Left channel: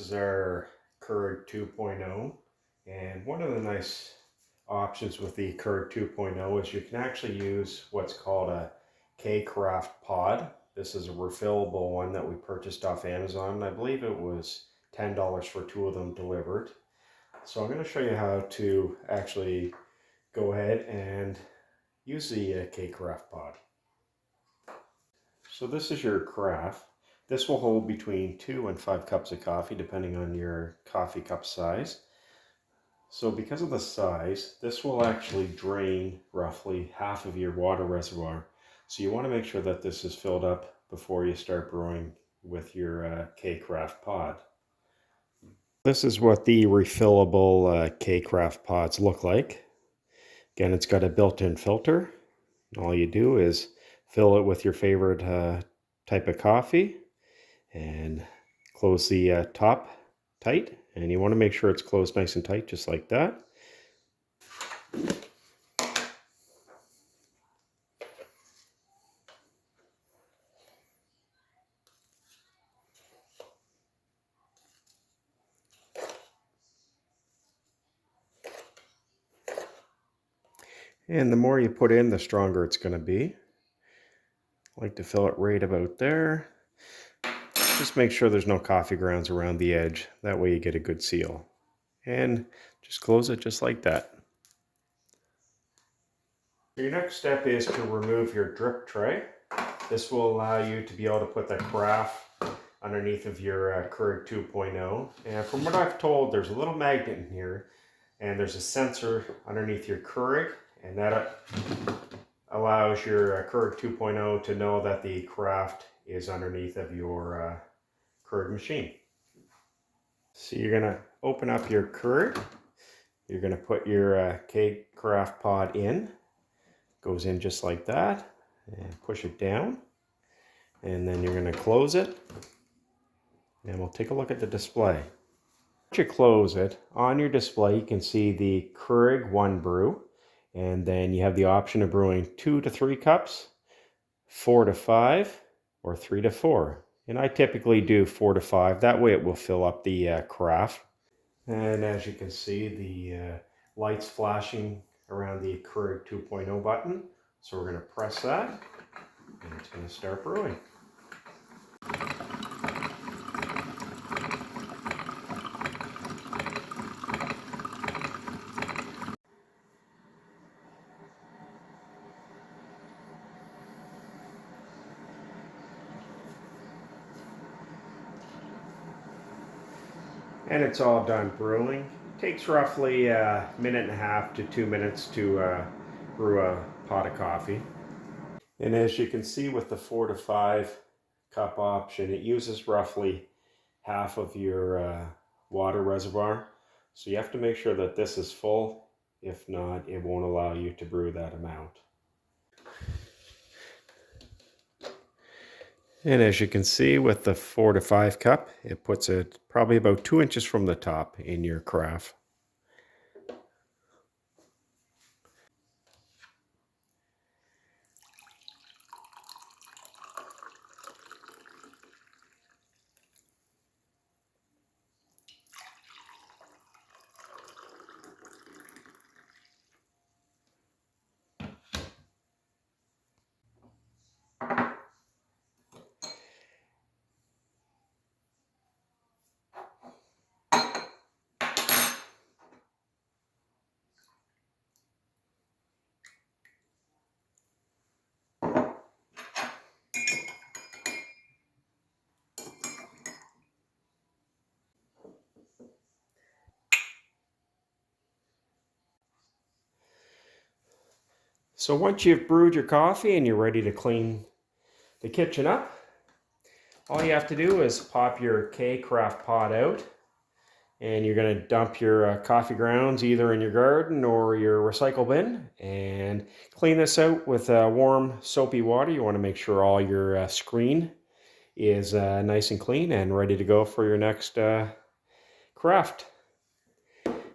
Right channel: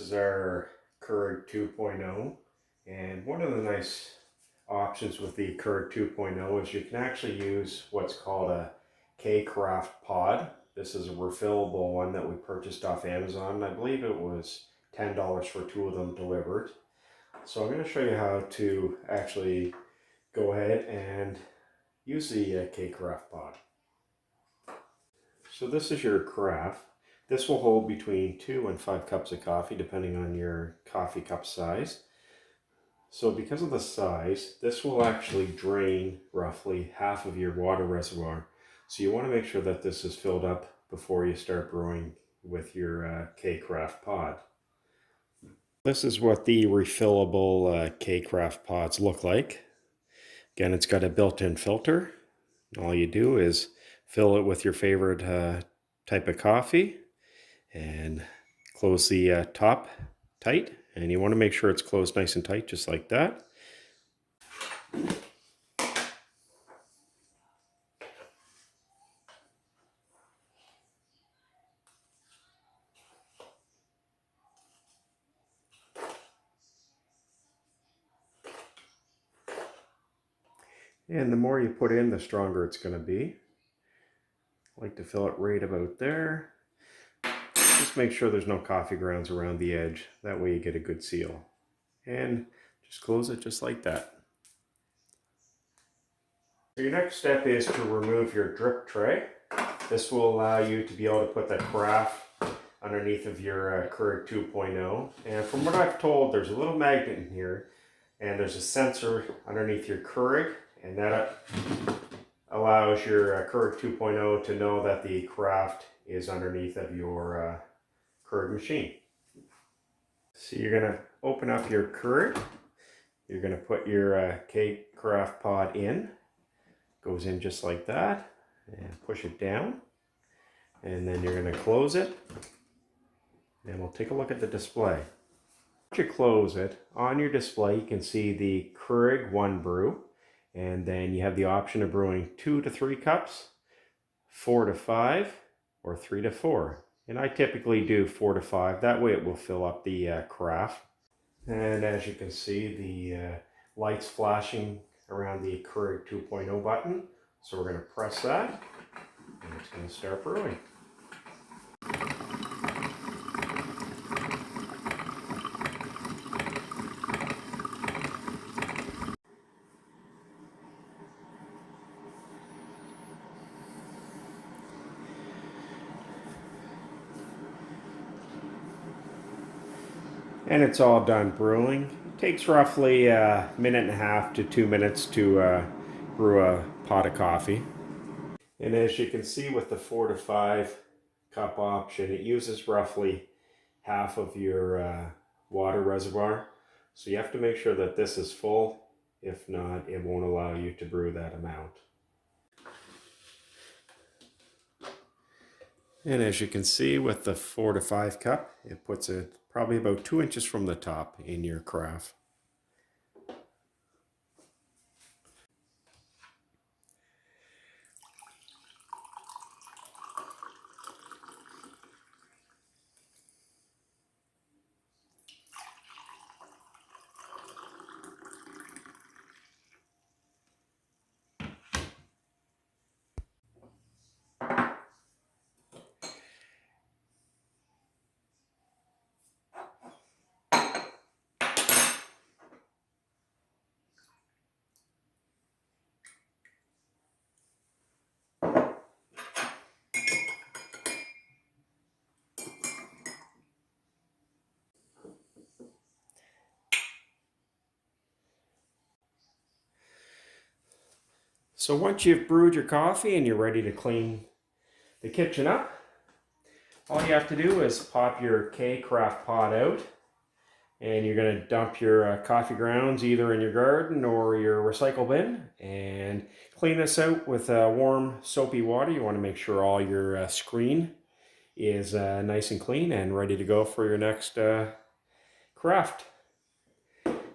This is our Keurig 2.0, and one of the nice options with the Keurig 2.0 is you can actually use what's called a Carafe pod. This is a refillable one that we purchased off Amazon. I believe it was $10 for two of them delivered. So I'm going to show you how to actually go ahead and use the Carafe pod. So this is your carafe. This will hold between 2 and 5 cups of coffee depending on your coffee cup size. So because of the size, this will actually drain roughly half of your water reservoir. So you want to make sure that this is filled up before you start brewing with your Carafe pod. This is what the refillable Carafe pods look like. Again, it's got a built-in filter. All you do is fill it with your favorite type of coffee and close the top tight, and you want to make sure it's closed nice and tight, just like that. And the more you put in, the stronger it's going to be. I like to fill it right about there. Just make sure there's no coffee grounds around the edge. That way you get a good seal. And just close it just like that. Your next step is to remove your drip tray. This will allow you to be able to put the carafe underneath of your Keurig 2.0. And from what I've told, there's a little magnet in here, and there's a sensor underneath your Keurig, and that allows your Keurig 2.0 to know that the carafe is underneath of your Keurig machine. So you're going to open up your Keurig. You're going to put your Carafe pod in. Goes in just like that, and push it down. And then you're going to close it. And we'll take a look at the display. Once you close it, on your display you can see the Keurig 1 brew. And then you have the option of brewing 2 to 3 cups, 4 to 5, or 3 to 4. And I typically do 4 to 5. That way it will fill up the carafe. And as you can see, the lights flashing around the Keurig 2.0 button. So we're going to press that, and it's going to start brewing. And it's all done brewing. It takes roughly a minute and a half to 2 minutes to brew a pot of coffee. And as you can see with the 4 to 5 cup option, it uses roughly half of your water reservoir. So you have to make sure that this is full. If not, it won't allow you to brew that amount. And as you can see with the 4 to 5 cup, it puts it probably about 2 inches from the top in your carafe. So once you've brewed your coffee and you're ready to clean the kitchen up, all you have to do is pop your Carafe pod out, and you're going to dump your coffee grounds either in your garden or your recycle bin, and clean this out with warm soapy water. You want to make sure all your screen is nice and clean and ready to go for your next craft.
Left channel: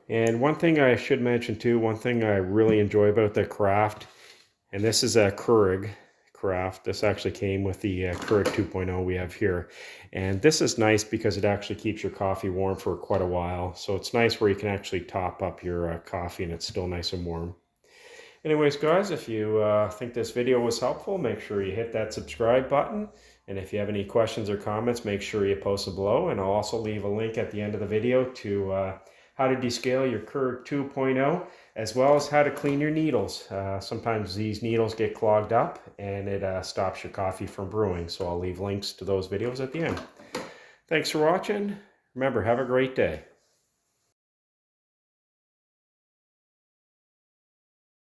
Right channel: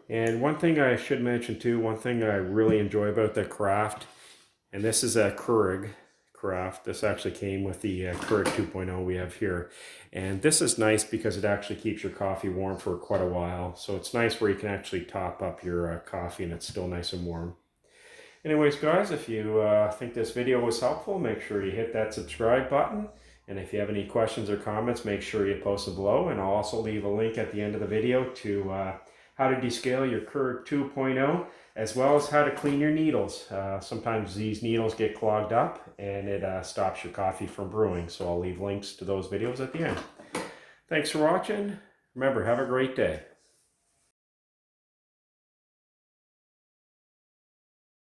And one thing I should mention too, one thing I really enjoy about the craft, and this is a Keurig Carafe. This actually came with the Keurig 2.0 we have here. And this is nice because it actually keeps your coffee warm for quite a while. So it's nice where you can actually top up your coffee and it's still nice and warm. Anyways, guys, if you think this video was helpful, make sure you hit that subscribe button. And if you have any questions or comments, make sure you post them below. And I'll also leave a link at the end of the video to how to descale your Keurig 2.0, as well as how to clean your needles. Sometimes these needles get clogged up and it stops your coffee from brewing. So I'll leave links to those videos at the end. Thanks for watching. Remember, have a great day.